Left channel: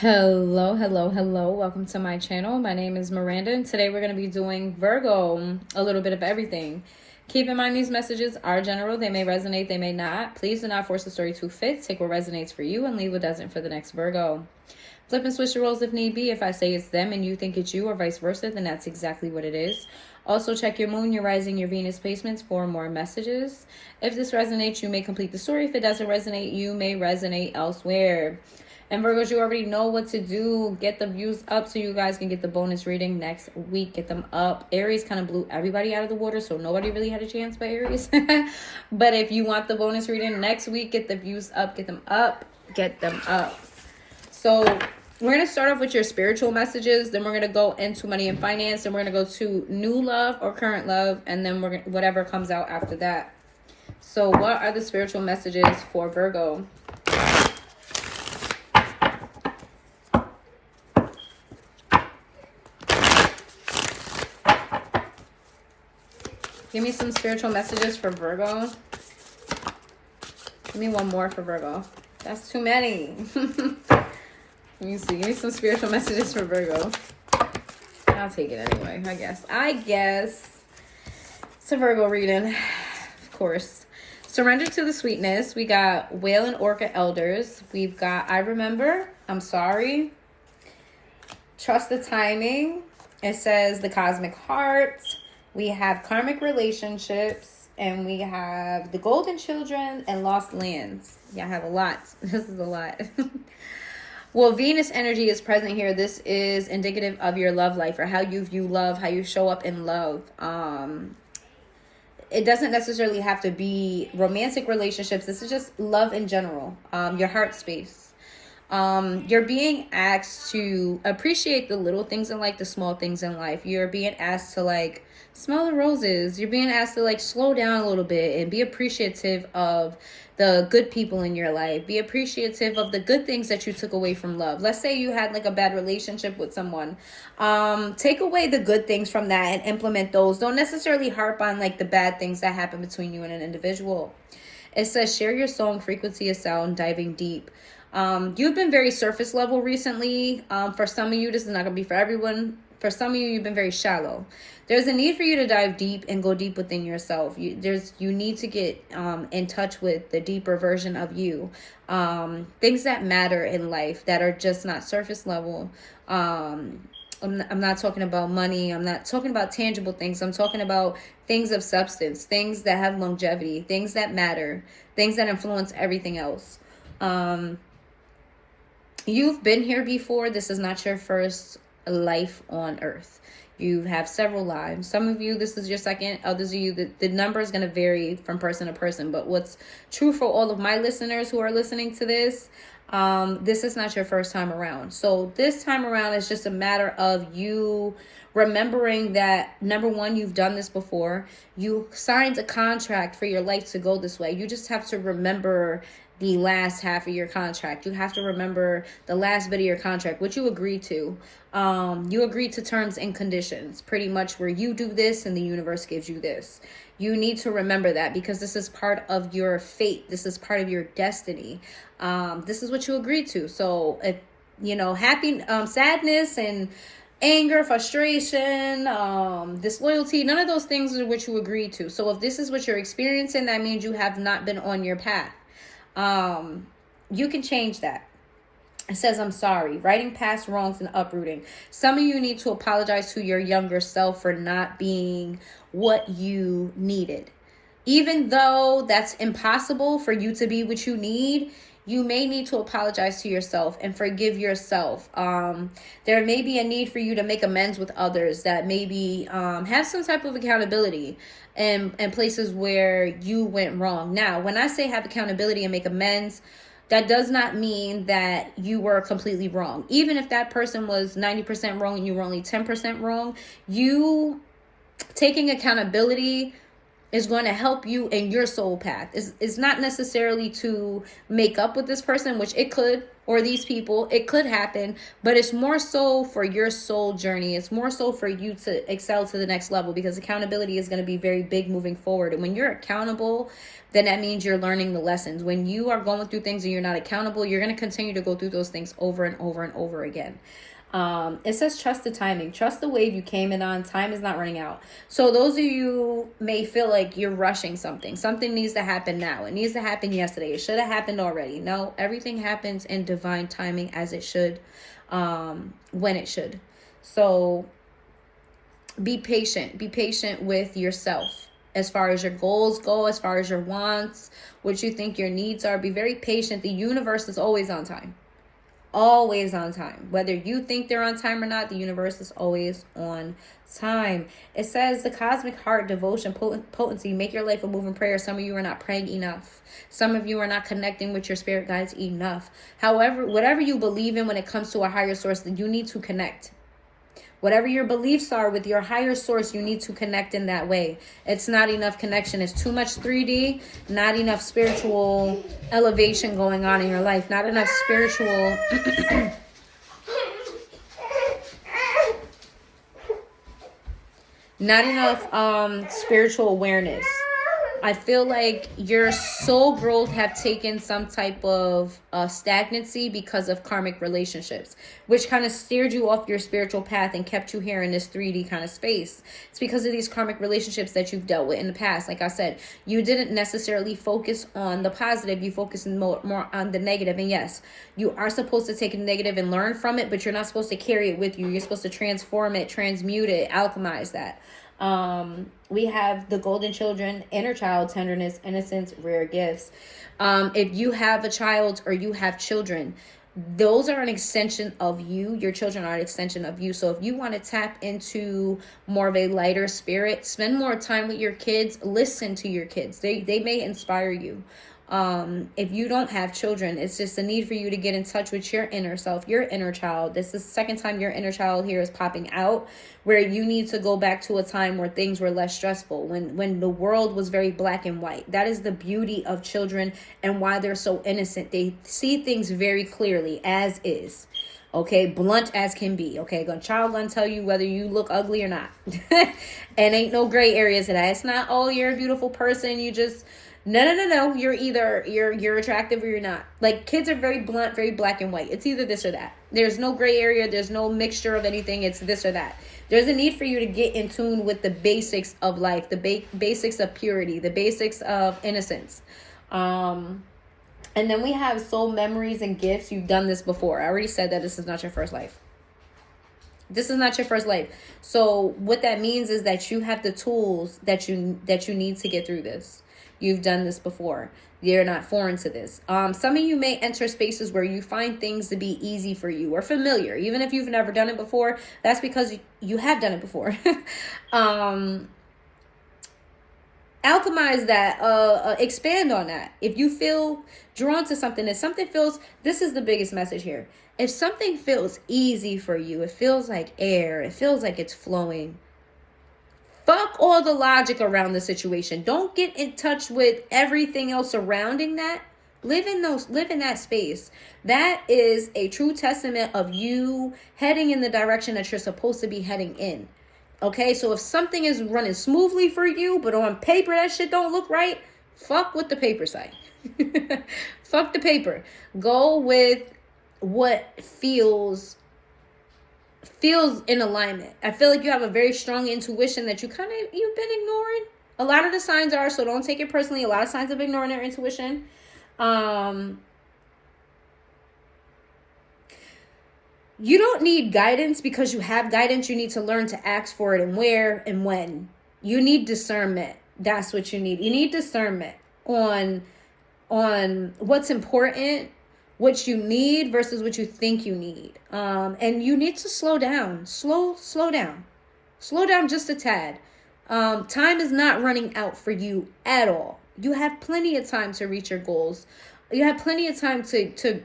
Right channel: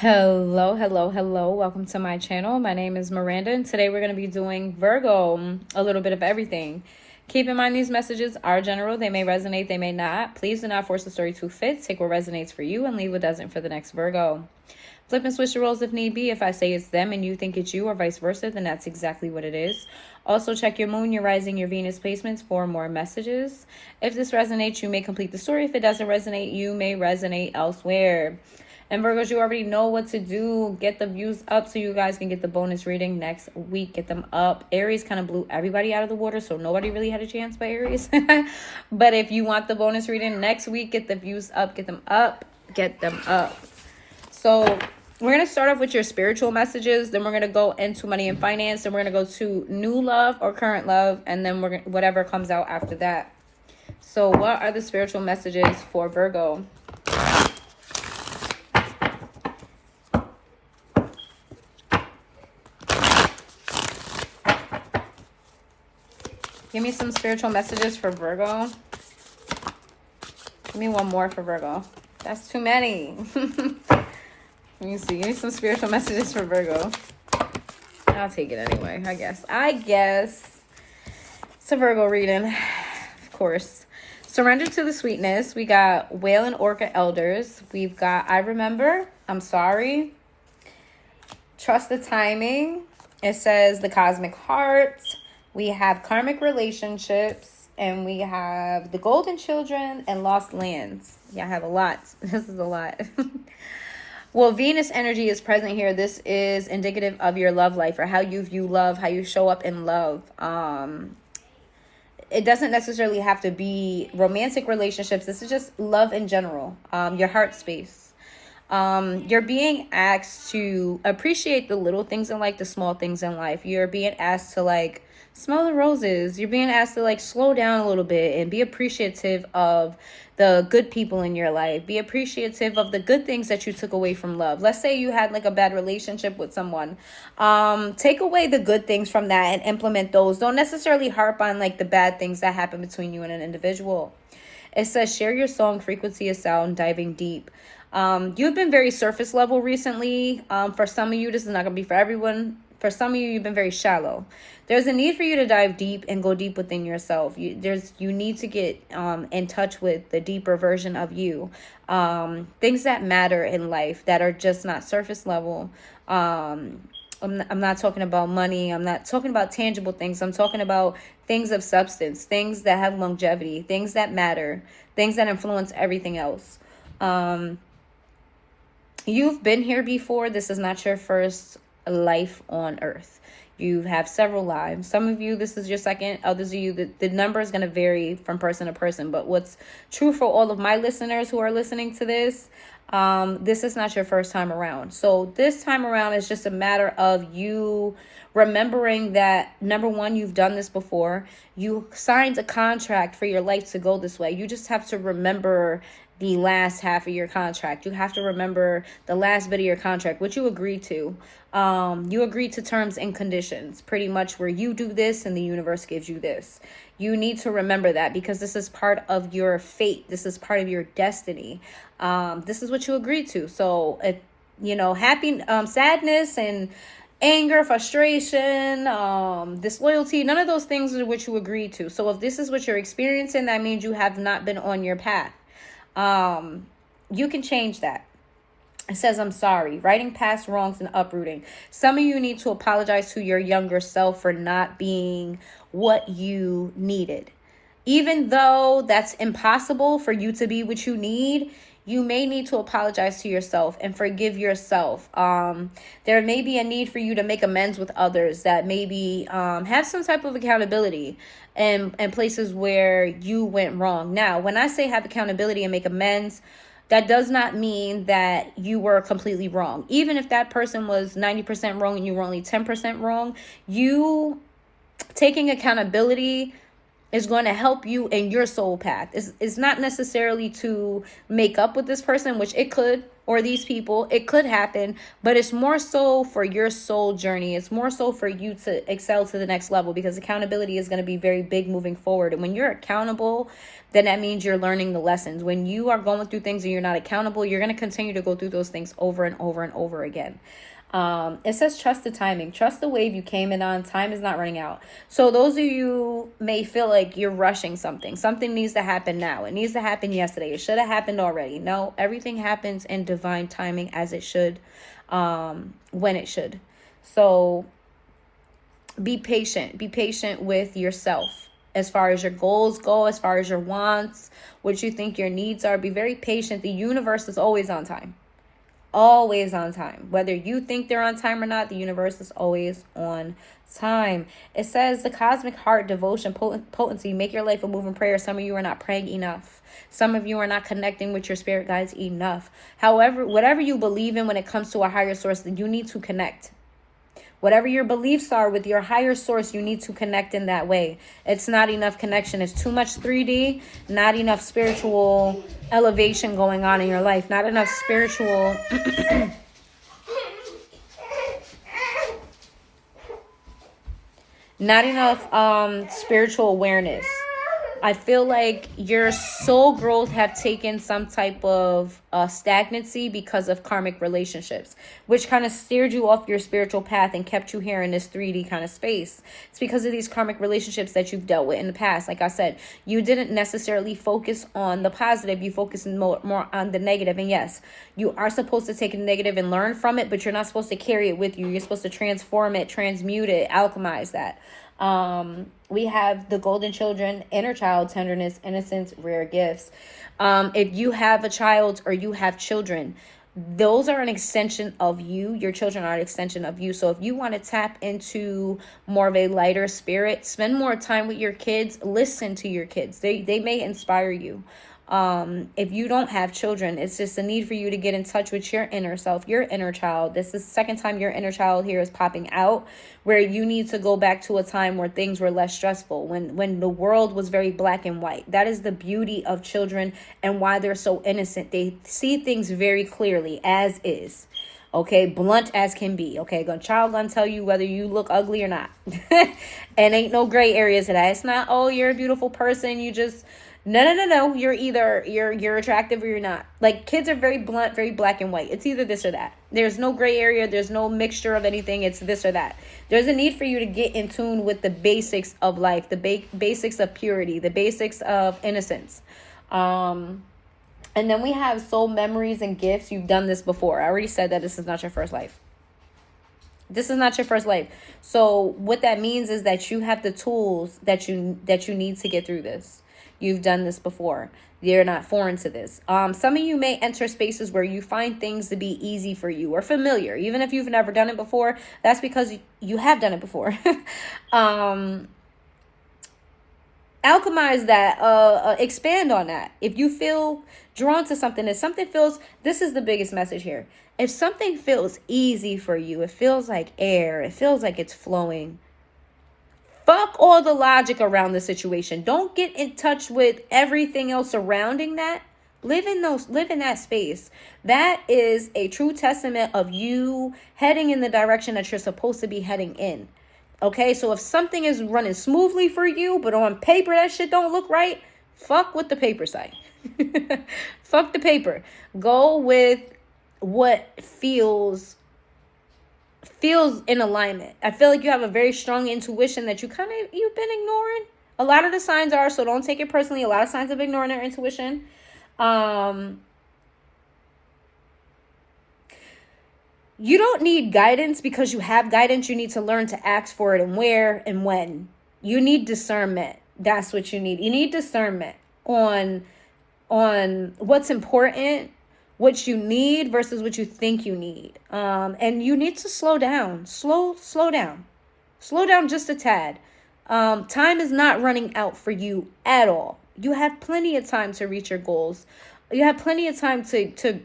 Hello. Welcome to my channel. My name is Miranda, and today we're going to be doing Virgo, a little bit of everything. Keep in mind these messages are general. They may resonate, they may not. Please do not force the story to fit. Take what resonates for you and leave what doesn't for the next Virgo. Flip and switch the roles if need be. If I say it's them and you think it's you or vice versa, then that's exactly what it is. Also, check your moon, your rising, your Venus placements for more messages. If this resonates, you may complete the story. If it doesn't resonate, you may resonate elsewhere. And Virgos, you already know what to do. Get the views up so you guys can get the bonus reading next week. Get them up. Aries kind of blew everybody out of the water, so nobody really had a chance but Aries. But if you want the bonus reading next week, get the views up. Get them up. Get them up. So we're going to start off with your spiritual messages. Then we're going to go into money and finance. Then we're going to go to new love or current love. And then whatever comes out after that. So what are the spiritual messages for Virgo? Give me some spiritual messages for Virgo. Give me one more for Virgo. That's too many. Let me see. Give me some spiritual messages for Virgo. I'll take it anyway, I guess. It's a Virgo reading, of course. Surrender to the sweetness. We got Whale and Orca Elders. We've got I Remember. I'm Sorry. Trust the Timing. It says the Cosmic Heart. We have Karmic Relationships, and we have the Golden Children and Lost Lands. Yeah, I have a lot. This is a lot. Well, Venus energy is present here. This is indicative of your love life or how you view love, how you show up in love. It doesn't necessarily have to be romantic relationships. This is just love in general, your heart space. You're being asked to appreciate the little things in life, the small things in life. You're being asked to smell the roses. You're being asked to slow down a little bit and be appreciative of the good people in your life. Be appreciative of the good things that you took away from love. Let's say you had a bad relationship with someone. Take away the good things from that and implement those. Don't necessarily harp on the bad things that happen between you and an individual. It says share your song, frequency of sound, diving deep. You've been very surface level recently. For some of you, this is not going to be for everyone. For some of you, you've been very shallow. There's a need for you to dive deep and go deep within yourself. You need to get in touch with the deeper version of you. Things that matter in life that are just not surface level. I'm not talking about money. I'm not talking about tangible things. I'm talking about things of substance, things that have longevity, things that matter, things that influence everything else. You've been here before. This is not your first life on earth. You have several lives. Some of you, this is your second. Others of you, the number is going to vary from person to person. But what's true for all of my listeners who are listening to this, this is not your first time around. So this time around is just a matter of you remembering that, number one, you've done this before. You signed a contract for your life to go this way. You just have to remember the last half of your contract. You have to remember the last bit of your contract, what you agreed to. You agreed to terms and conditions, pretty much where you do this and the universe gives you this. You need to remember that because this is part of your fate. This is part of your destiny. This is what you agreed to. So if, happy, sadness and anger, frustration, disloyalty, none of those things are what you agreed to. So if this is what you're experiencing, that means you have not been on your path. You can change that. It says, I'm sorry, writing past wrongs and uprooting. Some of you need to apologize to your younger self for not being what you needed. Even though that's impossible for you to be what you need, you may need to apologize to yourself and forgive yourself. There may be a need for you to make amends with others that maybe have some type of accountability and places where you went wrong. Now, when I say have accountability and make amends, that does not mean that you were completely wrong. Even if that person was 90% wrong and you were only 10% wrong, you taking accountability is going to help you in your soul path. It's not necessarily to make up with this person, which it could, or these people, it could happen, but it's more so for your soul journey. It's more so for you to excel to the next level because accountability is going to be very big moving forward. And when you're accountable, then that means you're learning the lessons. When you are going through things and you're not accountable, you're going to continue to go through those things over and over and over again. It says trust the timing. Trust the wave you came in on. Time is not running out. So those of you may feel like you're rushing something. Something needs to happen now. It needs to happen yesterday. It should have happened already. No, everything happens in divine timing as it should, when it should. So be patient. Be patient with yourself. As far as your goals go, as far as your wants, what you think your needs are, be very patient. The universe is always on time. Always on time. Whether you think they're on time or not, the universe is always on time. It says the cosmic heart, devotion, potency, make your life a moving prayer. Some of you are not praying enough. Some of you are not connecting with your spirit guides enough. However, whatever you believe in when it comes to a higher source, you need to connect. Whatever your beliefs are with your higher source, you need to connect in that way. It's not enough connection. It's too much 3D, not enough spiritual elevation going on in your life. Not enough spiritual... not enough spiritual awareness. I feel like your soul growth have taken some type of stagnancy because of karmic relationships, which kind of steered you off your spiritual path and kept you here in this 3D kind of space. It's because of these karmic relationships that you've dealt with in the past. Like I said, you didn't necessarily focus on the positive. You focused more on the negative. And yes, you are supposed to take the negative and learn from it, but you're not supposed to carry it with you. You're supposed to transform it, transmute it, alchemize that. We have the golden children, inner child, tenderness, innocence, rare gifts. If you have a child or you have children, those are an extension of you. Your children are an extension of you. So if you want to tap into more of a lighter spirit, spend more time with your kids, listen to your kids. They may inspire you. If you don't have children, it's just a need for you to get in touch with your inner self, your inner child. This is the second time your inner child here is popping out, where you need to go back to a time where things were less stressful, when the world was very black and white. That is the beauty of children and why they're so innocent. They see things very clearly as is. Okay, blunt as can be. Okay, child gonna tell you whether you look ugly or not. And ain't no gray areas of that. It's not, oh, you're a beautiful person, you just... No. You're either you're attractive or you're not. Like, kids are very blunt, very black and white. It's either this or that. There's no gray area. There's no mixture of anything. It's this or that. There's a need for you to get in tune with the basics of life, the basics of purity, the basics of innocence. And then we have soul memories and gifts. You've done this before. I already said that this is not your first life. This is not your first life. So what that means is that you have the tools that you need to get through this. You've done this before. You're not foreign to this. Some of you may enter spaces where you find things to be easy for you or familiar. Even if you've never done it before, that's because you have done it before. Alchemize that. Expand on that. If you feel drawn to something, if something feels... This is the biggest message here. If something feels easy for you, it feels like air, it feels like it's flowing, fuck all the logic around the situation. Don't get in touch with everything else surrounding that. Live in that space. That is a true testament of you heading in the direction that you're supposed to be heading in. Okay, so if something is running smoothly for you, but on paper that shit don't look right, fuck what the paper say. Fuck the paper. Go with what feels in alignment. I feel like you have a very strong intuition that you've been ignoring. A lot of the signs are, so don't take it personally. A lot of signs of ignoring their intuition. You don't need guidance because you have guidance. You need to learn to ask for it and where and when. You need discernment. That's what you need. You need discernment on what's important, what you need versus what you think you need. And you need to slow down. Slow down. Slow down just a tad. Time is not running out for you at all. You have plenty of time to reach your goals. You have plenty of time to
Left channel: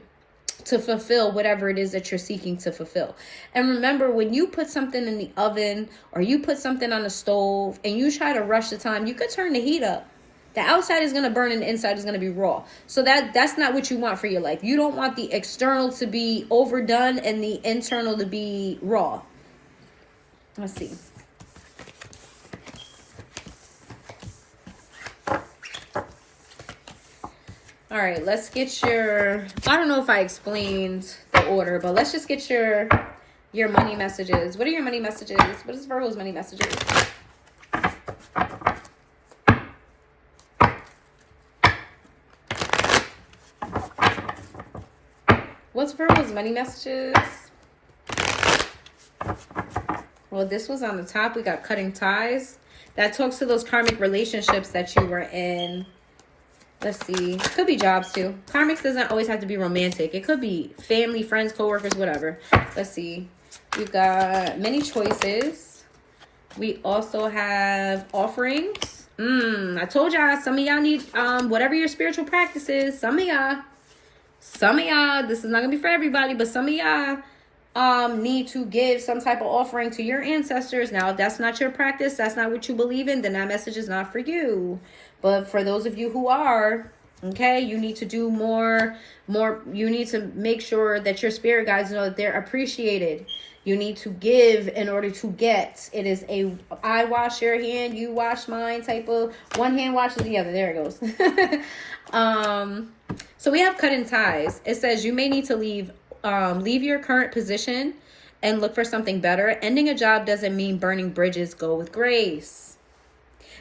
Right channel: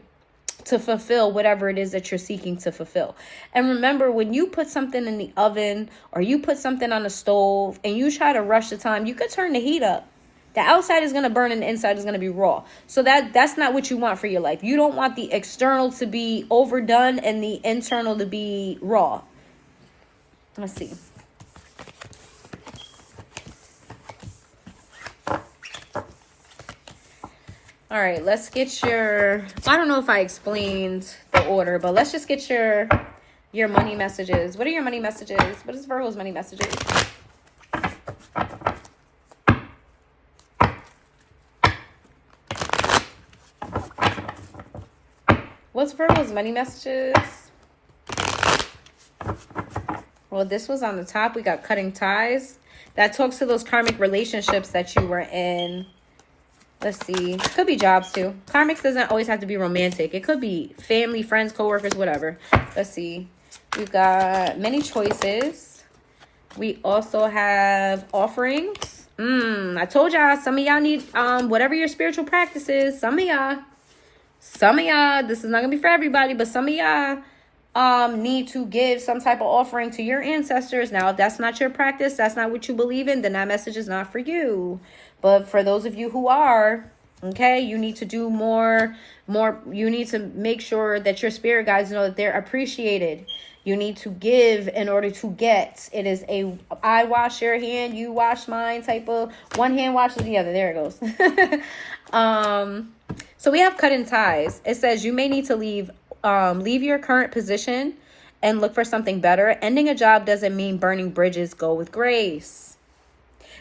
fulfill whatever it is that you're seeking to fulfill. And remember, when you put something in the oven or you put something on the stove and you try to rush the time, you could turn the heat up. The outside is going to burn and the inside is going to be raw. So that's not what you want for your life. You don't want the external to be overdone and the internal to be raw. Let's see. All right, let's get your, I don't know if I explained the order, but let's just get your money messages. What are your money messages? What is Virgo's money messages? What's Virgo's money messages? Well, this was on the top. We got cutting ties. That talks to those karmic relationships that you were in. Let's see. Could be jobs too. Karmics doesn't always have to be romantic. It could be family, friends, coworkers, whatever. Let's see. We've got many choices. We also have offerings. I told y'all some of y'all need whatever your spiritual practice is. Some of y'all, this is not gonna be for everybody, but some of y'all need to give some type of offering to your ancestors. Now, if that's not your practice, that's not what you believe in, then that message is not for you. But for those of you who are, okay, you need to do more, you need to make sure that your spirit guides know that they're appreciated. You need to give in order to get. It is a I wash your hand, you wash mine type of one hand washes the other. There it goes. So we have cutting ties. It says you may need to leave your current position and look for something better. Ending a job doesn't mean burning bridges. Go with grace.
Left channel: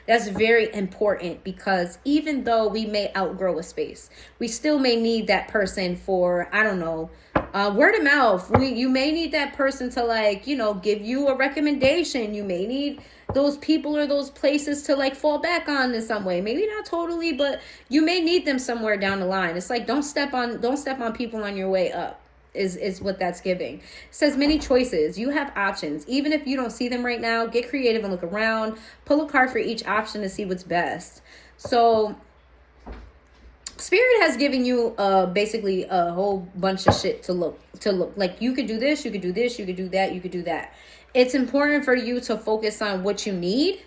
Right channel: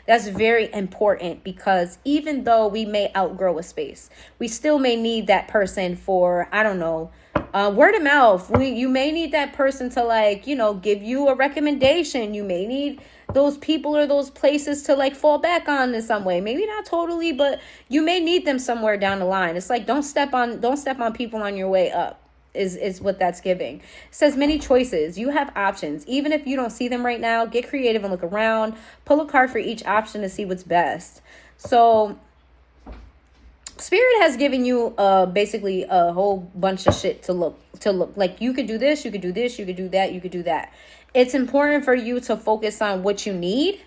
That's very important because even though we may outgrow a space, we still may need that person for, I don't know, word of mouth. You may need that person to, like, you know, give you a recommendation. You may need those people or those places to, like, fall back on in some way. Maybe not totally, but you may need them somewhere down the line. It's like, don't step on people on your way up. Is what that's giving. It says many choices. You have options. Even if you don't see them right now, get creative and look around. Pull a card for each option to see what's best. So Spirit has given you basically a whole bunch of shit to look. Like, you could do this, you could do this, you could do that, you could do that. It's important for you to focus on what you need.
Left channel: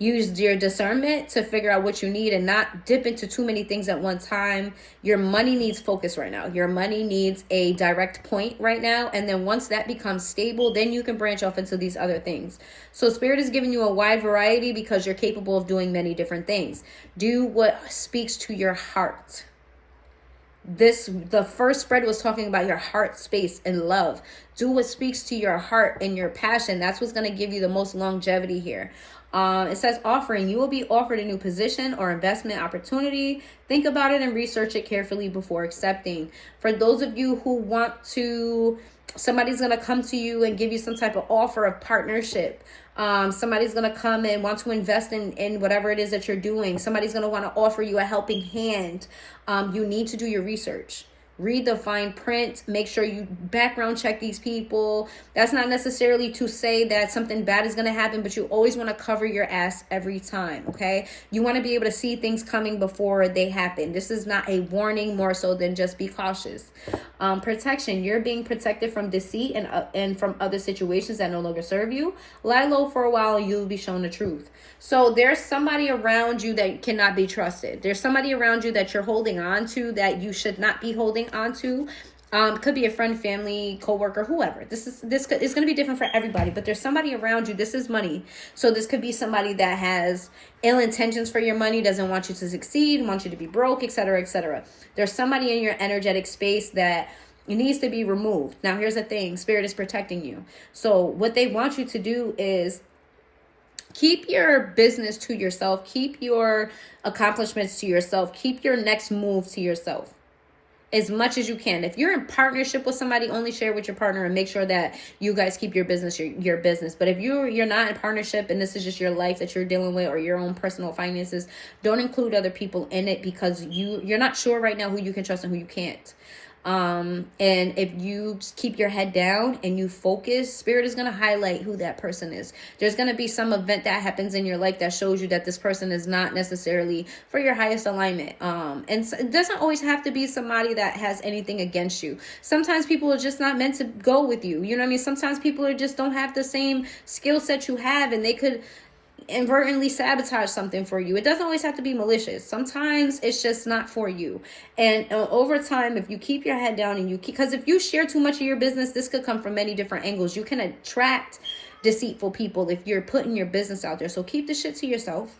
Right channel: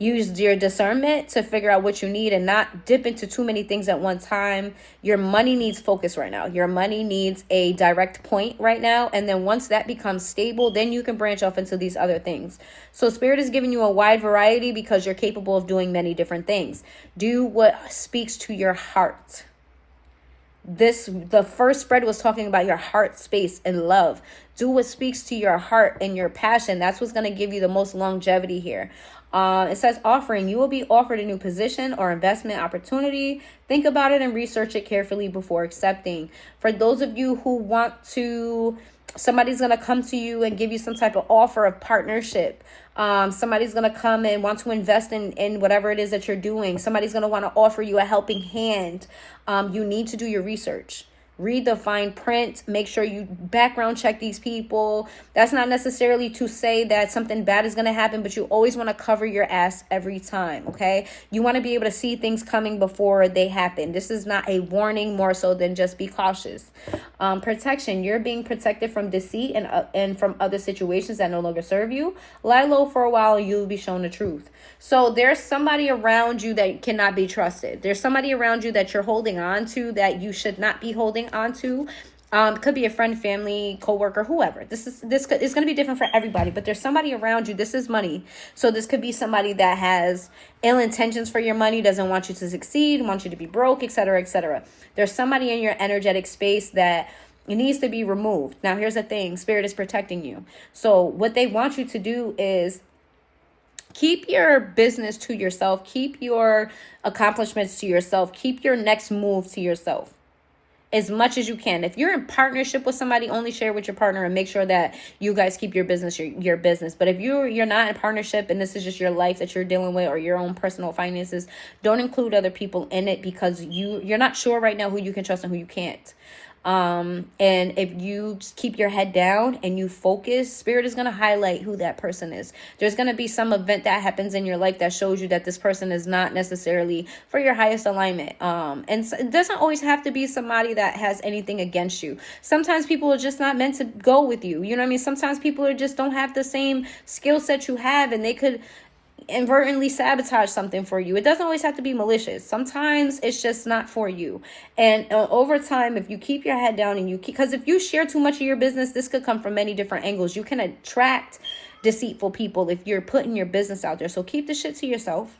Use your discernment to figure out what you need and not dip into too many things at one time. Your money needs focus right now. Your money needs a direct point right now. And then once that becomes stable, then you can branch off into these other things. So Spirit is giving you a wide variety because you're capable of doing many different things. Do what speaks to your heart. The first spread was talking about your heart space and love. Do what speaks to your heart and your passion. That's what's going to give you the most longevity here. It says offering. You will be offered a new position or investment opportunity. Think about it and research it carefully before accepting. For those of you who want to, somebody's going to come to you and give you some type of offer of partnership. Somebody's going to come and want to invest in whatever it is that you're doing. Somebody's going to want to offer you a helping hand. You need to do your research. Read the fine print. Make sure you background check these people. That's not necessarily to say that something bad is going to happen, but you always want to cover your ass every time, okay? You want to be able to see things coming before they happen. This is not a warning, more so than just be cautious. Protection. You're being protected from deceit and from other situations that no longer serve you. Lie low for a while and you'll be shown the truth. So there's somebody around you that cannot be trusted. There's somebody around you that you're holding on to that you should not be holding on to. It could be a friend, family, coworker, whoever. It's going to be different for everybody, but there's somebody around you. This is money. So this could be somebody that has ill intentions for your money, doesn't want you to succeed, wants you to be broke, etc., etc. There's somebody in your energetic space that it needs to be removed. Now, here's the thing. Spirit is protecting you. So what they want you to do is keep your business to yourself. Keep your accomplishments to yourself. Keep your next move to yourself as much as you can. If you're in partnership with somebody, only share with your partner and make sure that you guys keep your business your business. But if you're not in partnership and this is just your life that you're dealing with or your own personal finances, don't include other people in it because you're not sure right now who you can trust and who you can't. And if you just keep your head down and you focus, Spirit is going to highlight who that person is. There's going to be some event that happens in your life that shows you that this person is not necessarily for your highest alignment. And so it doesn't always have to be somebody that has anything against you. Sometimes people are just not meant to go with you. You know what I mean? Sometimes people just don't have the same skill set you have and they could inadvertently sabotage something for you. It doesn't always have to be malicious. Sometimes it's just not for you. And over time, if you keep your head down and because if you share too much of your business, this could come from many different angles. You can attract deceitful people if you're putting your business out there. So keep the shit to yourself,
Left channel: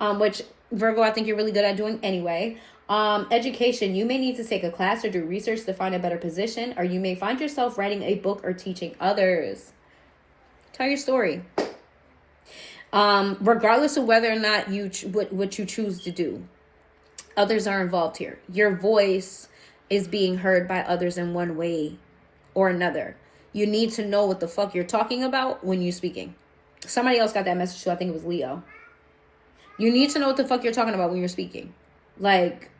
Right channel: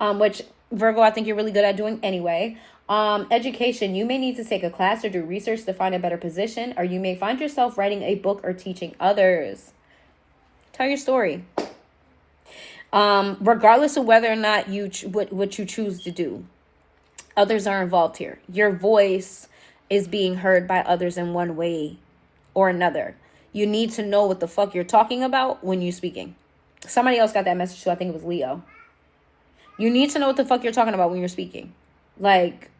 which Virgo, I think you're really good at doing anyway. Education. You may need to take a class or do research to find a better position, or you may find yourself writing a book or teaching others. Tell your story. Regardless of whether or not what you choose to do, others are involved here. Your voice is being heard by others in one way or another. You need to know what the fuck you're talking about when you're speaking. Somebody else got that message too. I think it was Leo. You need to know what the fuck you're talking about when you're speaking. Like,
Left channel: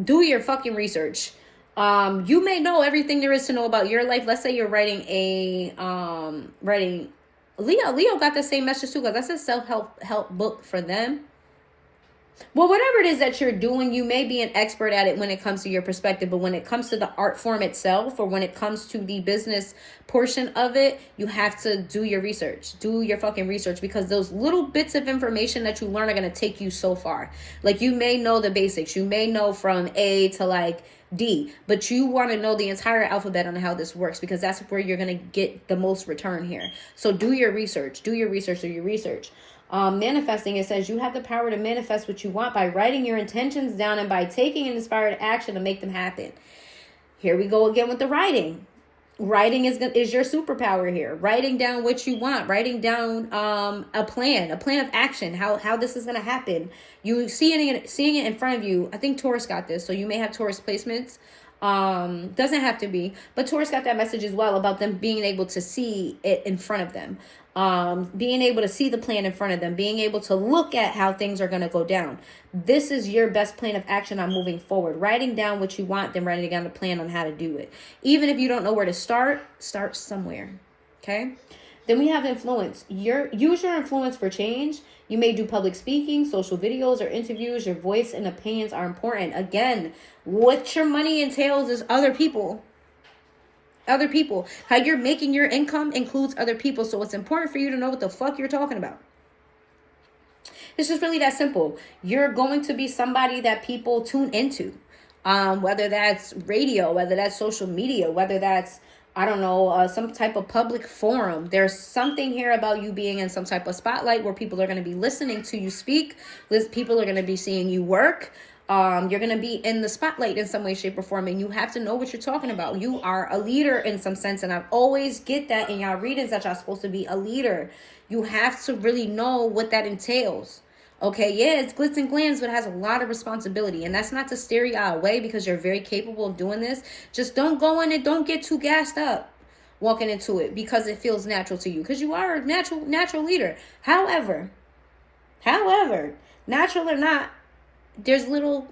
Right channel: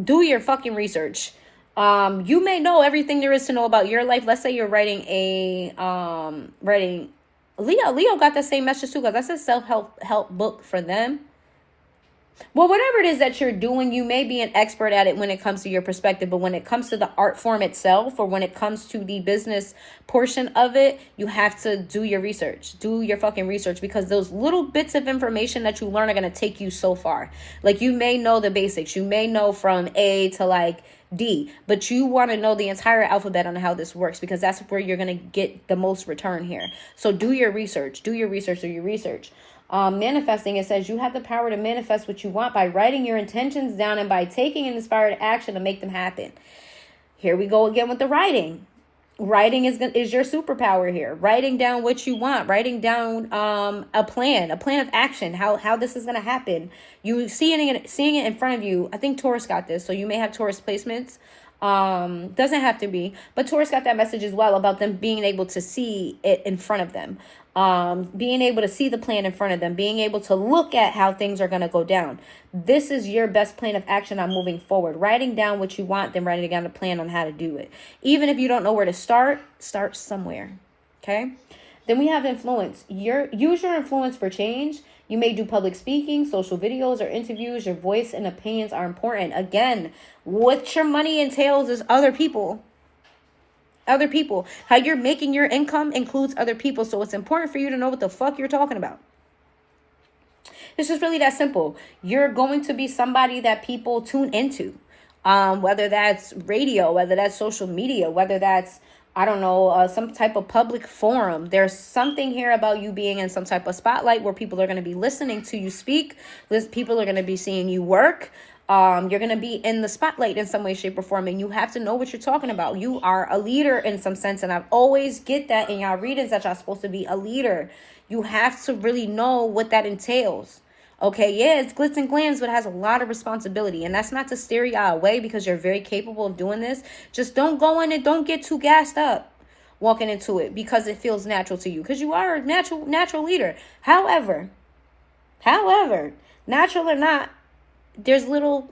do your fucking research. You may know everything there is to know about your life. Let's say you're writing Leo got that same message too, because that's a self-help book for them. Well, whatever it is that you're doing, you may be an expert at it when it comes to your perspective, but when it comes to the art form itself, or when it comes to the business portion of it, you have to do your research. Do your fucking research, because those little bits of information that you learn are going to take you so far. Like, you may know the basics. You may know from A to like D, but you want to know the entire alphabet on how this works, because that's where you're going to get the most return here. So do your research. Do your research. Manifesting, it says you have the power to manifest what you want by writing your intentions down and by taking an inspired action to make them happen. Here we go again with the writing. Writing is your superpower here. Writing down what you want, writing down a plan of action, how this is going to happen. You seeing it in front of you. I think Taurus got this, so you may have Taurus placements. Doesn't have to be, but Taurus got that message as well about them being able to see it in front of them. Being able to see the plan in front of them, being able to look at how things are going to go down. This is your best plan of action on moving forward. Writing down what you want, then writing down a plan on how to do it. Even if you don't know where to start somewhere. Okay. Then we have influence. Use your influence for change. You may do public speaking, social videos, or interviews. Your voice and opinions are important. Again, what your money entails is other people. Other people. How you're making your income includes other people. So it's important for you to know what the fuck you're talking about. It's just really that simple. You're going to be somebody that people tune into. Whether that's radio, whether that's social media, whether that's, I don't know, some type of public forum. There's something here about you being in some type of spotlight where people are going to be listening to you speak. People are going to be seeing you work. You're going to be in the spotlight in some way, shape, or form, and you have to know what you're talking about. You are a leader in some sense, and I always get that in y'all readings that y'all supposed to be a leader. You have to really know what that entails. Okay, yeah, it's glitz and glams, but it has a lot of responsibility, and that's not to steer y'all away, because you're very capable of doing this. Just don't go in and don't get too gassed up walking into it because it feels natural to you, because you are a natural leader. However, natural or not, there's little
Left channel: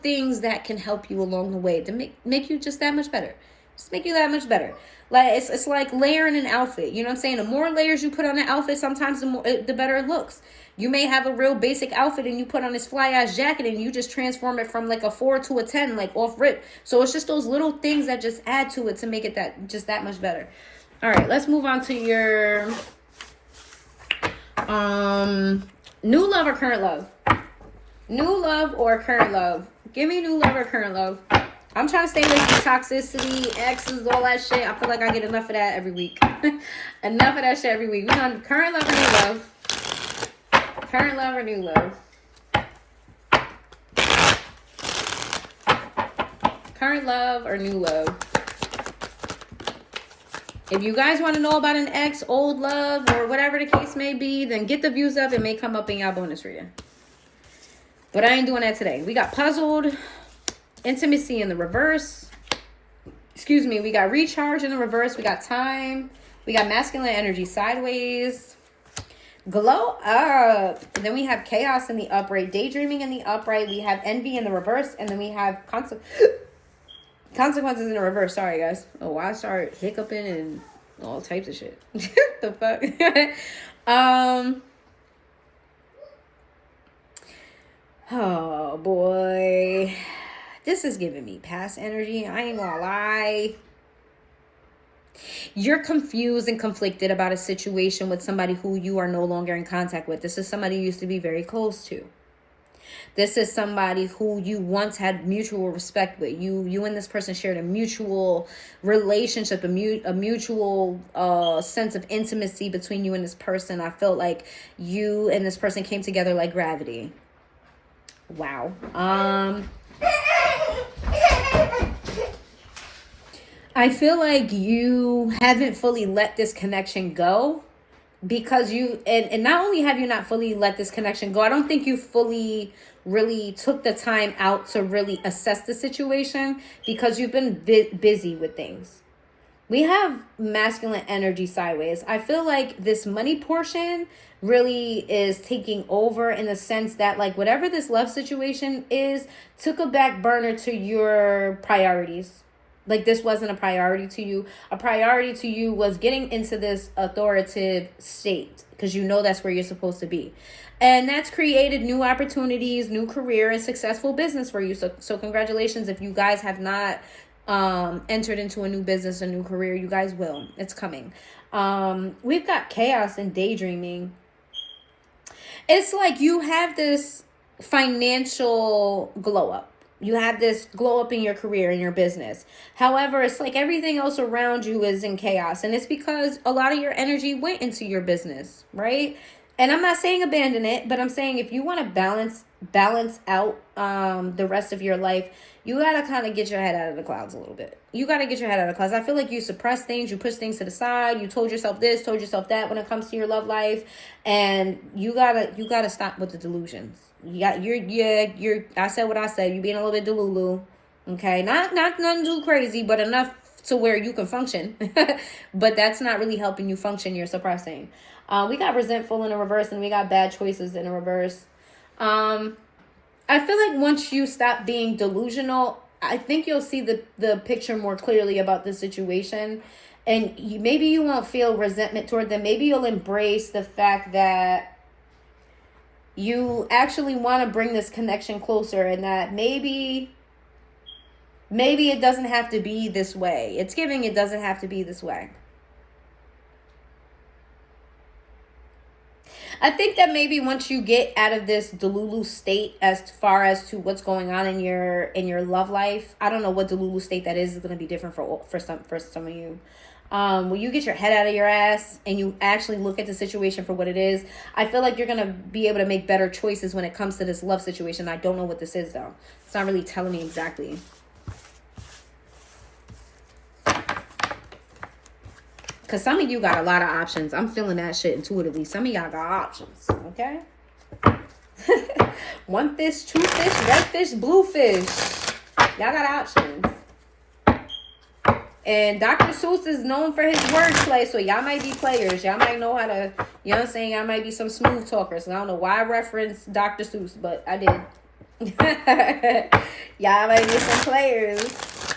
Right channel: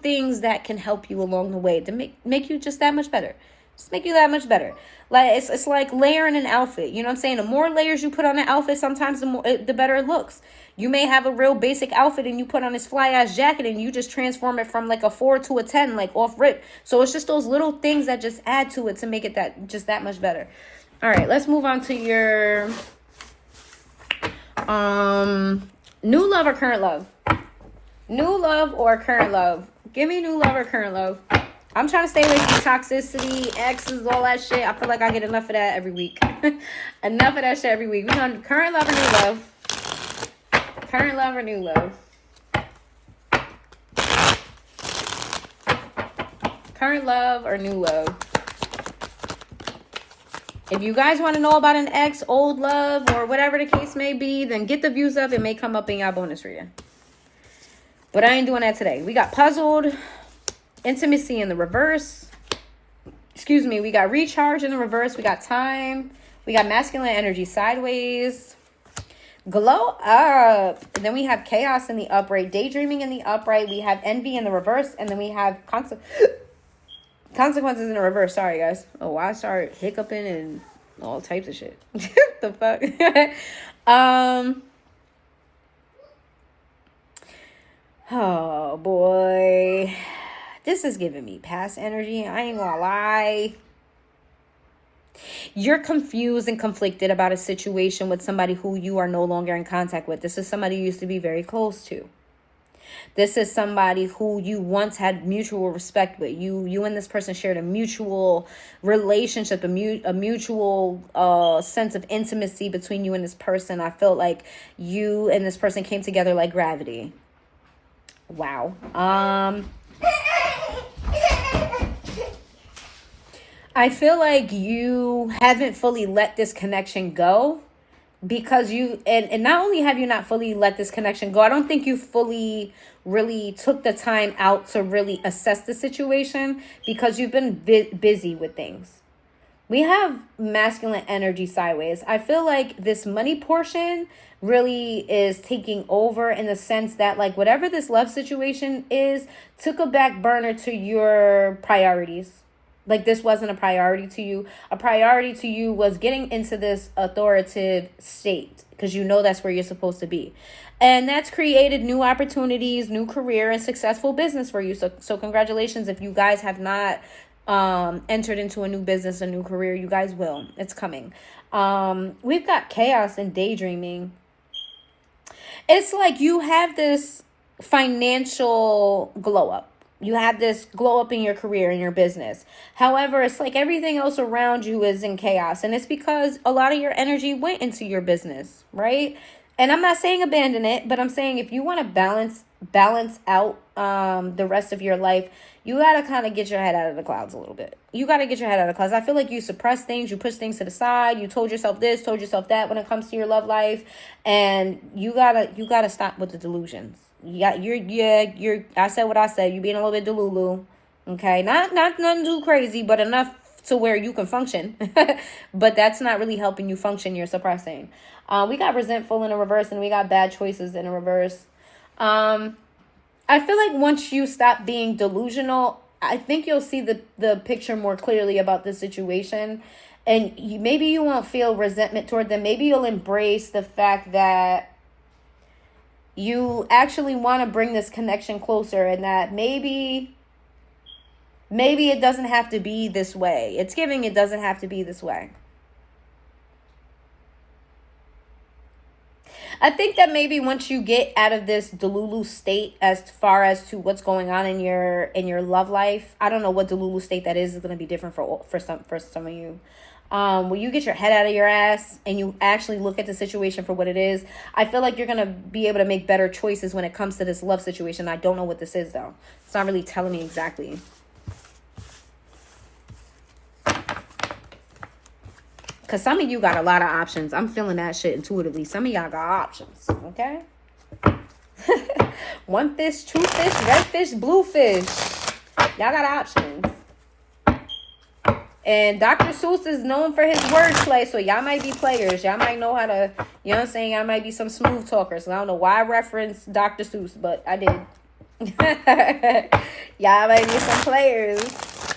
things that can help you along the way to make you just that much better. Just make you that much better. Like it's like layering an outfit. You know what I'm saying? The more layers you put on an outfit, sometimes the better it looks. You may have a real basic outfit and you put on this fly ass jacket and you just transform it from like a 4 to a 10, like off rip. So it's just those little things that just add to it to make it that much better. All right, let's move on to your new love or current love. New love or current love. Give me new love or current love. I'm trying to stay away from toxicity, exes, all that shit. I feel like I get enough of that every week. Enough of that shit every week. We're on current love or new love. Current love or new love. Current love or new love. If you guys want to know about an ex, old love, or whatever the case may be, then get the views up. It may come up in your bonus reading. But I ain't doing that today. We got puzzled, intimacy in the reverse. Excuse me. We got recharge in the reverse. We got time. We got masculine energy sideways. Glow up. And then we have chaos in the upright. Daydreaming in the upright. We have envy in the reverse. And then we have consequences in the reverse. Sorry, guys. Oh, I start hiccuping and all types of shit. The fuck? Oh, boy. This is giving me past energy. I ain't gonna lie. You're confused and conflicted about a situation with somebody who you are no longer in contact with. This is somebody you used to be very close to. This is somebody who you once had mutual respect with. You and this person shared a mutual relationship, a mutual sense of intimacy between you and this person. I felt like you and this person came together like gravity. Wow. I feel like you haven't fully let this connection go, because you, and not only have you not fully let this connection go, I don't think you fully really took the time out to really assess the situation, because you've been busy with things. We have masculine energy sideways. I feel like this money portion really is taking over, in the sense that like whatever this love situation is took a back burner to your priorities. Like this wasn't a priority to you. A priority to you was getting into this authoritative state, because you know that's where you're supposed to be. And that's created new opportunities, new career, and successful business for you. So congratulations if you guys have not entered into a new business, a new career. You guys will. It's coming. We've got chaos and daydreaming. It's like you have this financial glow up. You have this glow up in your career, in your business. However, it's like everything else around you is in chaos. And it's because a lot of your energy went into your business, right? And I'm not saying abandon it, but I'm saying if you want to balance out the rest of your life, you got to kind of get your head out of the clouds a little bit. You got to get your head out of the clouds. I feel like you suppress things, you push things to the side, you told yourself this, told yourself that when it comes to your love life, and you gotta stop with the delusions. You're I said what I said. You're being a little bit delulu. Okay, not nothing too crazy, but enough to where you can function. But that's not really helping you function. You're suppressing. We got resentful in a reverse, and we got bad choices in a reverse. I feel like once you stop being delusional, I think you'll see the picture more clearly about the situation. And maybe you won't feel resentment toward them. Maybe you'll embrace the fact that you actually want to bring this connection closer, and that maybe it doesn't have to be this way. It's giving it doesn't have to be this way. I think that maybe once you get out of this Delulu state as far as to what's going on in your love life, I don't know what Delulu state that is. It's going to be different for some of you. When you get your head out of your ass and you actually look at the situation for what it is, I feel like you're going to be able to make better choices when it comes to this love situation. I don't know what this is, though. It's not really telling me exactly. Because some of you got a lot of options. I'm feeling that shit intuitively. Some of y'all got options, okay? One fish, two fish, red fish, blue fish. Y'all got options. And Dr. Seuss is known for his wordplay, so y'all might be players. Y'all might know how to, you know what I'm saying? Y'all might be some smooth talkers. And I don't know why I referenced Dr. Seuss, but I did. Y'all might be some players.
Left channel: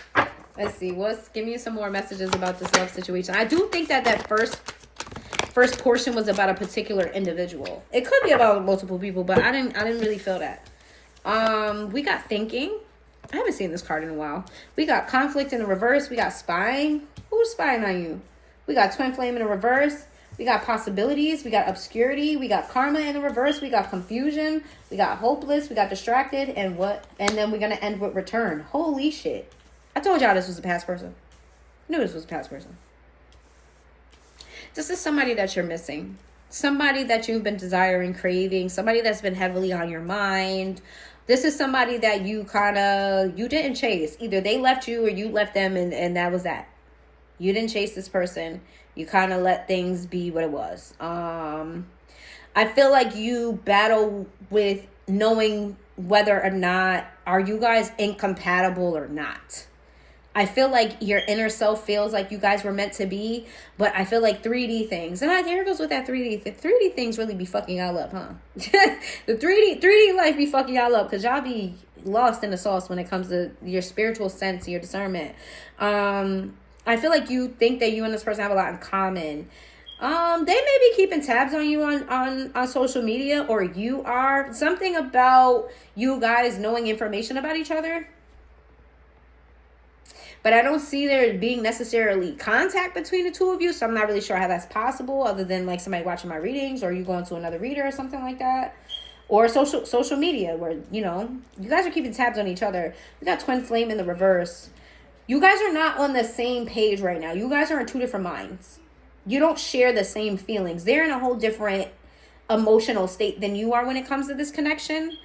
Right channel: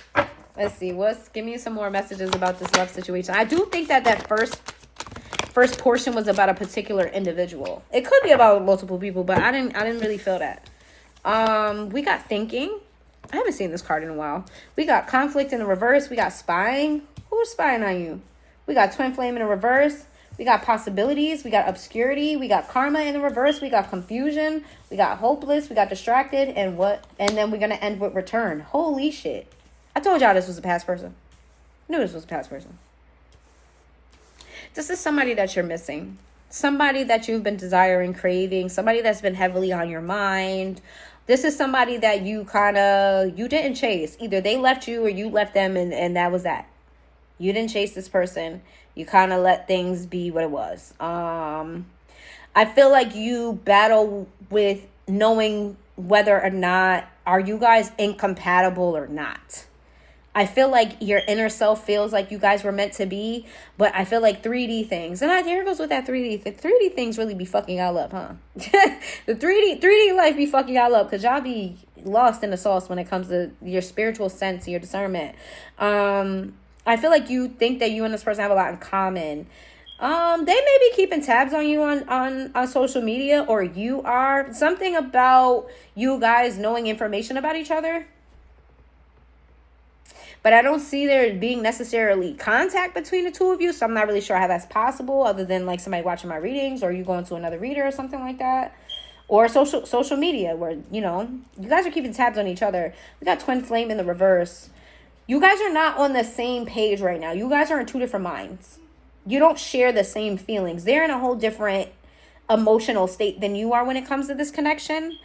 Let's see. Give me some more messages about this love situation. I do think that first portion was about a particular individual. It could be about multiple people, but I didn't really feel that. We got thinking. I haven't seen this card in a while. We got conflict in the reverse. We got spying. Who's spying on you? We got twin flame in the reverse. We got possibilities. We got obscurity. We got karma in the reverse. We got confusion. We got hopeless. We got distracted. And then we're going to end with return. Holy shit. I told y'all this was a past person. I knew this was a past person. This is somebody that you're missing. Somebody that you've been desiring, craving. Somebody that's been heavily on your mind. This is somebody that you didn't chase. Either they left you or you left them, and that was that. You didn't chase this person. You kind of let things be what it was. I feel like you battle with knowing whether or not are you guys incompatible or not. I feel like your inner self feels like you guys were meant to be, but I feel like 3D things, and here goes with that 3D. The 3D things really be fucking y'all up, huh? The 3D life be fucking y'all up, because y'all be lost in the sauce when it comes to your spiritual sense, your discernment. I feel like you think that you and this person have a lot in common. They may be keeping tabs on you on social media, or you are. Something about you guys knowing information about each other. But I don't see there being necessarily contact between the two of you. So I'm not really sure how that's possible, other than like somebody watching my readings or you going to another reader or something like that. or social media, where, you know, you guys are keeping tabs on each other. We got twin flame in the reverse. You guys are not on the same page right now. You guys are in two different minds. You don't share the same feelings. They're in a whole different emotional state than you are when it comes to this connection.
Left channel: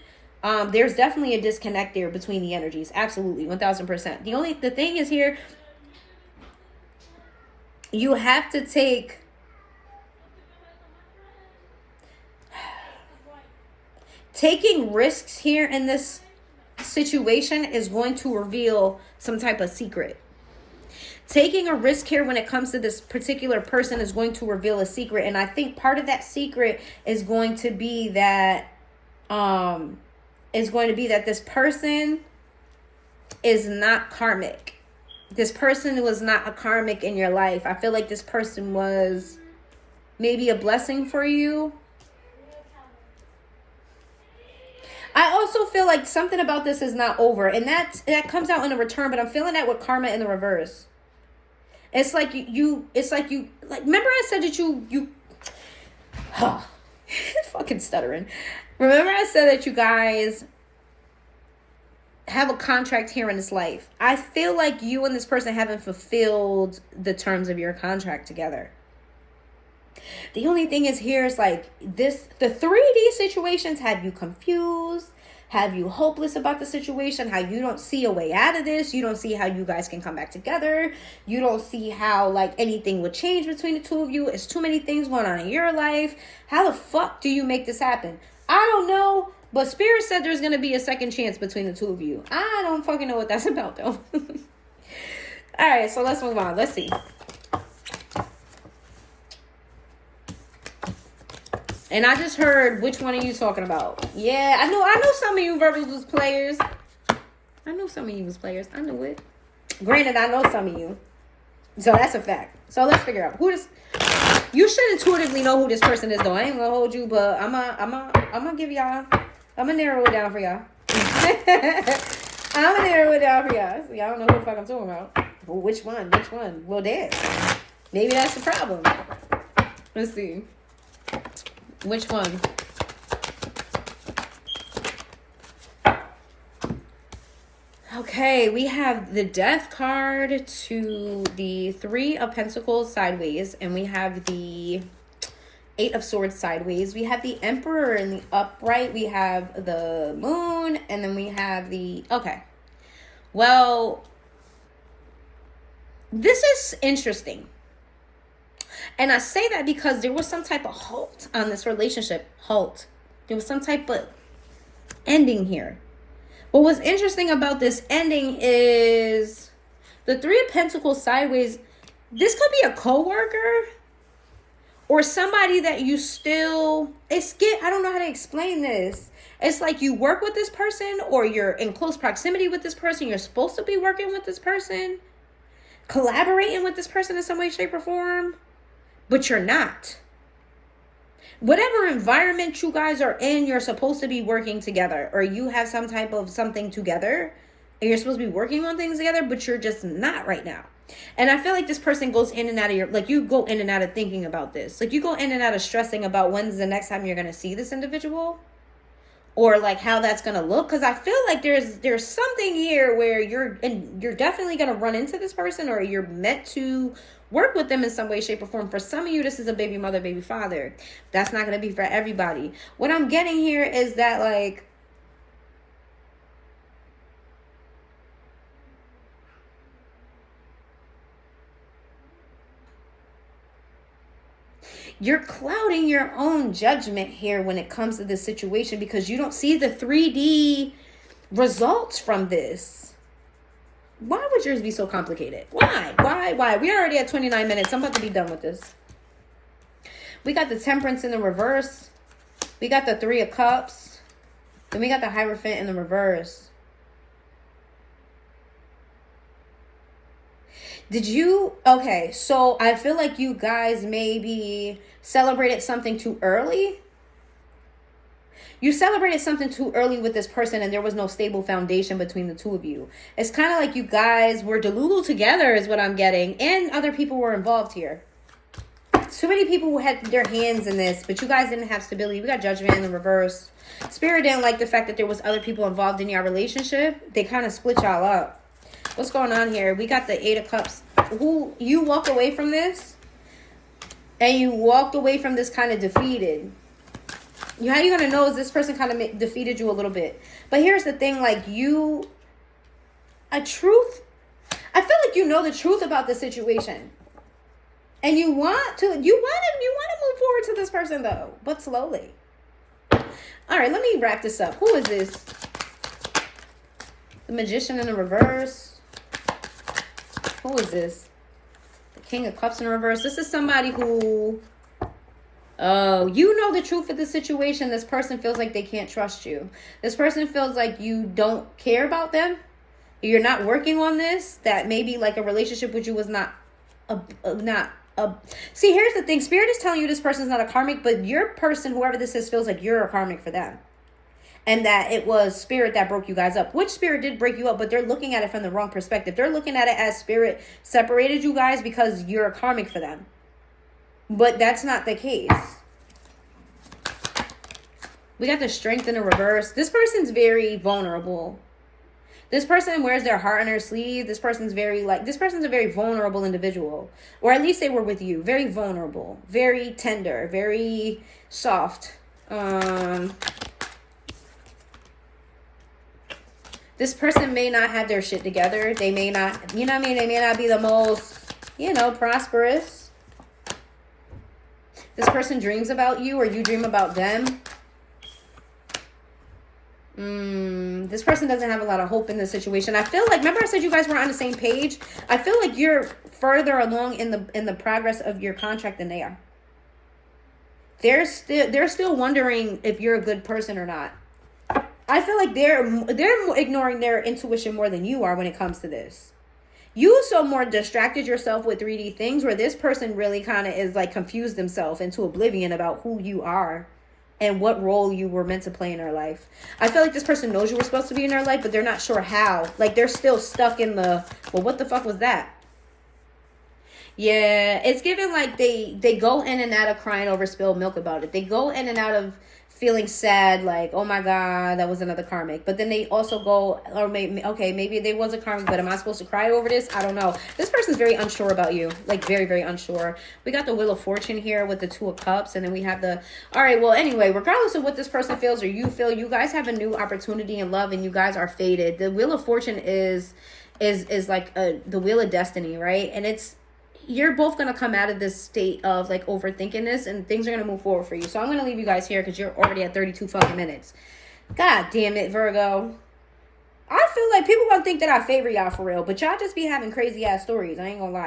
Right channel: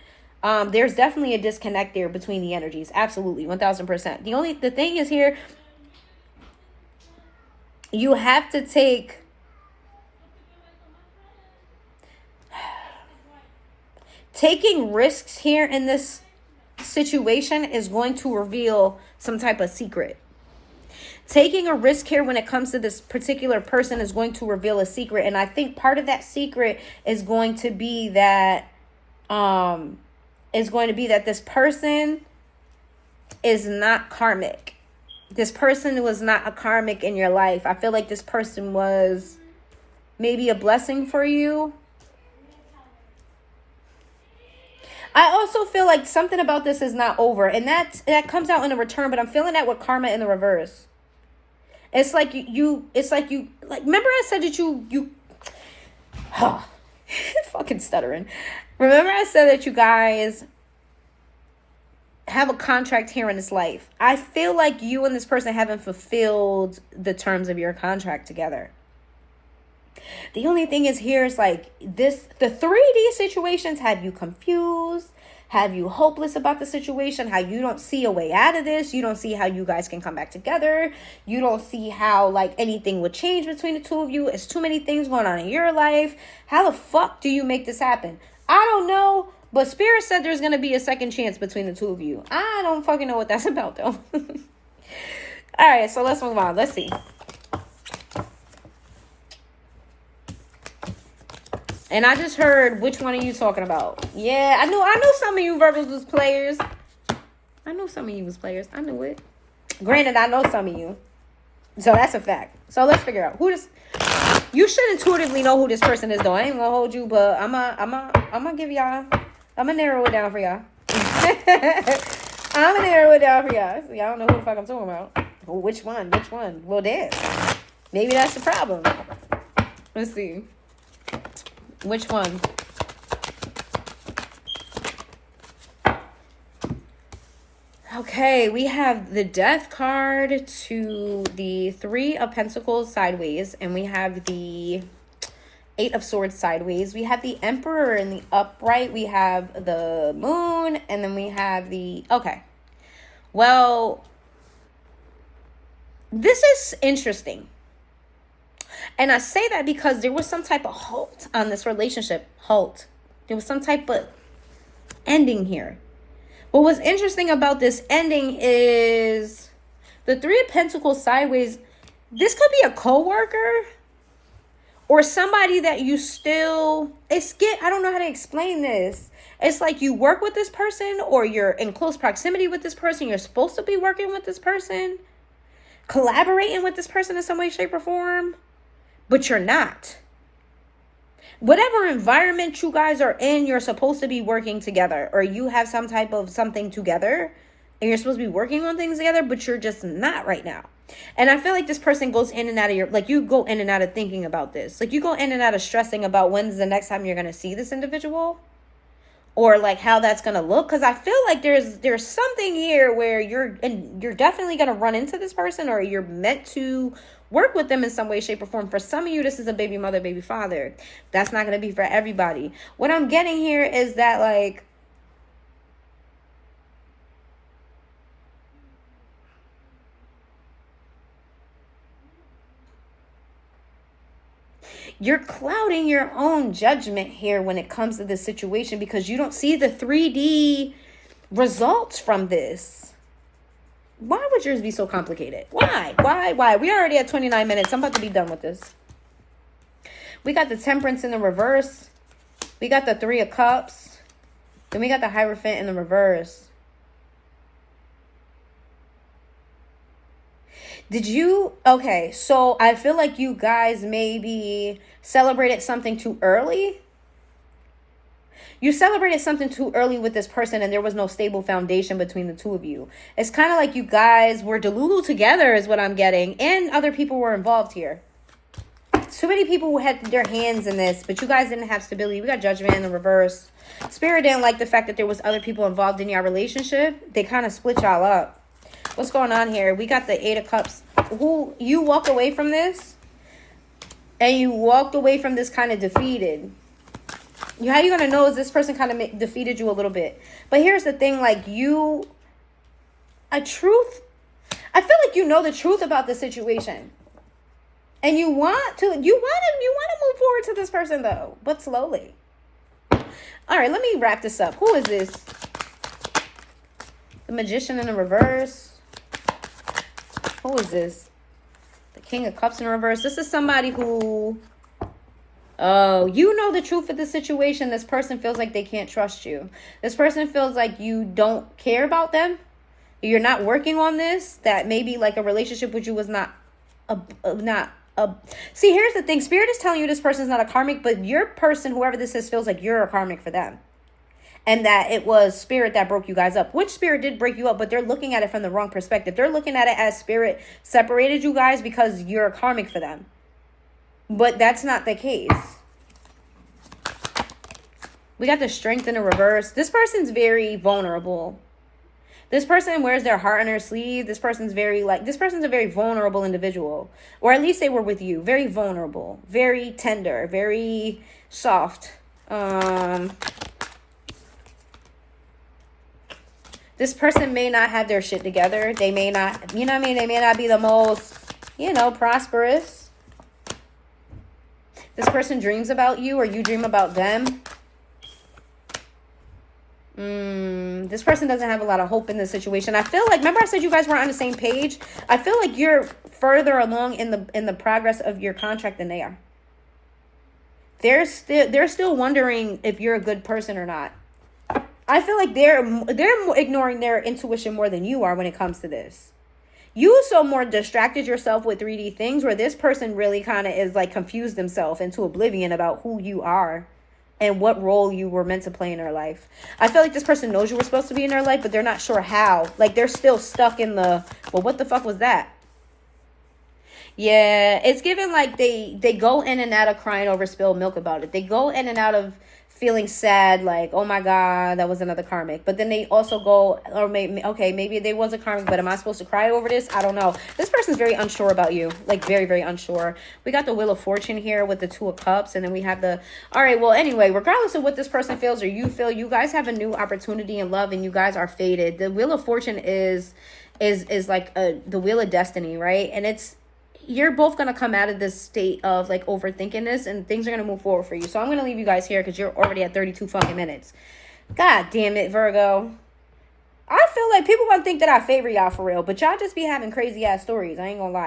There's definitely a disconnect there between the energies. Absolutely, 1000%. The thing is here, you have to taking risks here in this situation is going to reveal some type of secret. Taking a risk here when it comes to this particular person is going to reveal a secret. And I think part of that secret is going to be that this person is not karmic. This person was not a karmic in your life. I feel like this person was maybe a blessing for you. I also feel like something about this is not over, and that comes out in a return, but I'm feeling that with karma in the reverse. It's like you remember I said that you fucking stuttering. Remember I said that you guys have a contract here in this life. I feel like you and this person haven't fulfilled the terms of your contract together. The only thing is here is like this, the 3D situations have you confused, have you hopeless about the situation, how you don't see a way out of this. You don't see how you guys can come back together. You don't see how like anything would change between the two of you. It's too many things going on in your life. How the fuck do you make this happen? I don't know, but Spirit said there's going to be a second chance between the two of you. I don't fucking know what that's about though. All right, so let's move on. Let's see. And I just heard which one are you talking about. Yeah, I know some of you Virgos was players. I know some of you was players. I knew it. Granted, I know some of you. So that's a fact. So let's figure out who this. You should intuitively know who this person is though. I ain't gonna hold you, but I'm gonna give y'all. I'm gonna narrow it down for y'all. I'm gonna narrow it down for y'all. So y'all don't know who the fuck I'm talking about. Well, which one? Well, there. Maybe that's the problem. Let's see. Which one? Okay, we have the Death card to the Three of Pentacles sideways, and we have the Eight of Swords sideways. We have the Emperor in the upright. We have the Moon, and then we have the... Okay. Well, this is interesting. And I say that because there was some type of halt on this relationship. Halt. There was some type of ending here. What was interesting about this ending is the Three of Pentacles sideways. This could be a coworker or somebody that you still... I don't know how to explain this. It's like you work with this person or you're in close proximity with this person. You're supposed to be working with this person, collaborating with this person in some way, shape, or form. But you're not. Whatever environment you guys are in, you're supposed to be working together. Or you have some type of something together. And you're supposed to be working on things together. But you're just not right now. And I feel like this person goes in and out of your... Like you go in and out of thinking about this. Like you go in and out of stressing about when's the next time you're going to see this individual. Or like how that's going to look. Because I feel like there's something here where you're definitely going to run into this person. Or you're meant to... work with them in some way, shape, or form. For some of you, this is a baby mother, baby father. That's not going to be for everybody. What I'm getting here is that, like, you're clouding your own judgment here when it comes to this situation because you don't see the 3D results from this. Why would yours be so complicated? Why? We already at 29 minutes. I'm about to be done with this. We got the Temperance in the reverse. We got the Three of Cups. Then we got the Hierophant in the reverse. Okay, so I feel like you guys maybe celebrated something too early. You celebrated something too early with this person and there was no stable foundation between the two of you. It's kind of like you guys were delulu together is what I'm getting. And other people were involved here. too many people who had their hands in this, but you guys didn't have stability. We got Judgment in the reverse. Spirit didn't like the fact that there was other people involved in your relationship. They kind of split y'all up. What's going on here? We got the 8 of Cups. Who you walked away from this, and you walked away from this kind of defeated. How you gonna know is this person kind of defeated you a little bit? But here's the thing, like I feel like you know the truth about the situation, and you want to move forward to this person though, but slowly. All right, let me wrap this up. Who is this? The Magician in the reverse. Who is this? The King of Cups in reverse. This is somebody who, oh, you know the truth of the situation. This person feels like they can't trust you. This person feels like you don't care about them. You're not working on this. That maybe like a relationship with you was not See, here's the thing. Spirit is telling you this person's not a karmic, but your person, whoever this is, feels like you're a karmic for them. And that it was Spirit that broke you guys up. Which Spirit did break you up, but they're looking at it from the wrong perspective. They're looking at it as Spirit separated you guys because you're a karmic for them. But that's not the case. We got the Strength in the reverse. This person's very vulnerable. This person wears their heart on their sleeve. This person's a very vulnerable individual. Or at least they were with you. Very vulnerable. Very tender. Very soft. This person may not have their shit together. They may not, you know what I mean? They may not be the most, prosperous. This person dreams about you or you dream about them. This person doesn't have a lot of hope in this situation. I feel like, remember I said you guys were on the same page? I feel like you're further along in the progress of your contract than they are. They're still wondering if you're a good person or not. I feel like they're ignoring their intuition more than you are when it comes to this. You so more distracted yourself with 3D things, where this person really kind of is like confused themselves into oblivion about who you are and what role you were meant to play in their life. I feel like this person knows you were supposed to be in their life, but they're not sure how. Like they're still stuck in well, what the fuck was that? Yeah, it's given like they go in and out of crying over spilled milk about it. They go in and out of feeling sad, like, oh my God, that was another karmic. But then they also go, or maybe they was a karmic, but am I supposed to cry over this? I don't know. This person's very unsure about you, like very, very unsure. We got the Wheel of Fortune here with the 2 of Cups, and then we have all right, well, anyway, regardless of what this person feels or you feel, you guys have a new opportunity in love and you guys are fated. The Wheel of Fortune is like the Wheel of Destiny, right? And you're both going to come out of this state of like overthinking this and things are going to move forward for you. So I'm going to leave you guys here because you're already at 32 fucking minutes. God damn it, Virgo. I feel like people going to think that I favor y'all for real, but y'all just be having crazy ass stories. I ain't going to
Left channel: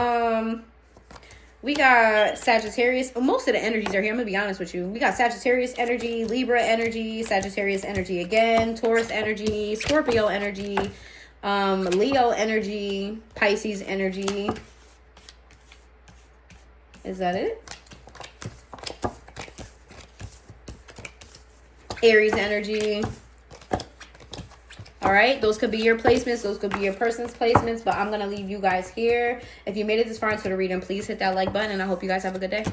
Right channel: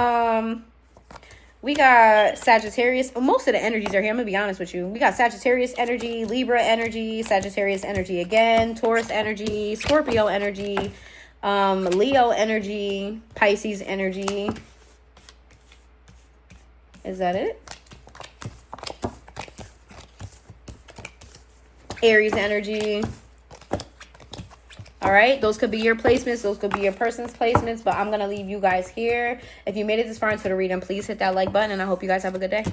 lie. We got Sagittarius. Most of the energies are here. I'm going to be honest with you. We got Sagittarius energy, Libra energy, Sagittarius energy again, Taurus energy, Scorpio energy, Leo energy, Pisces energy. Is that it? Aries energy. All right, those could be your placements. Those could be your person's placements, but I'm going to leave you guys here. If you made it this far into the reading, please hit that like button, and I hope you guys have a good day.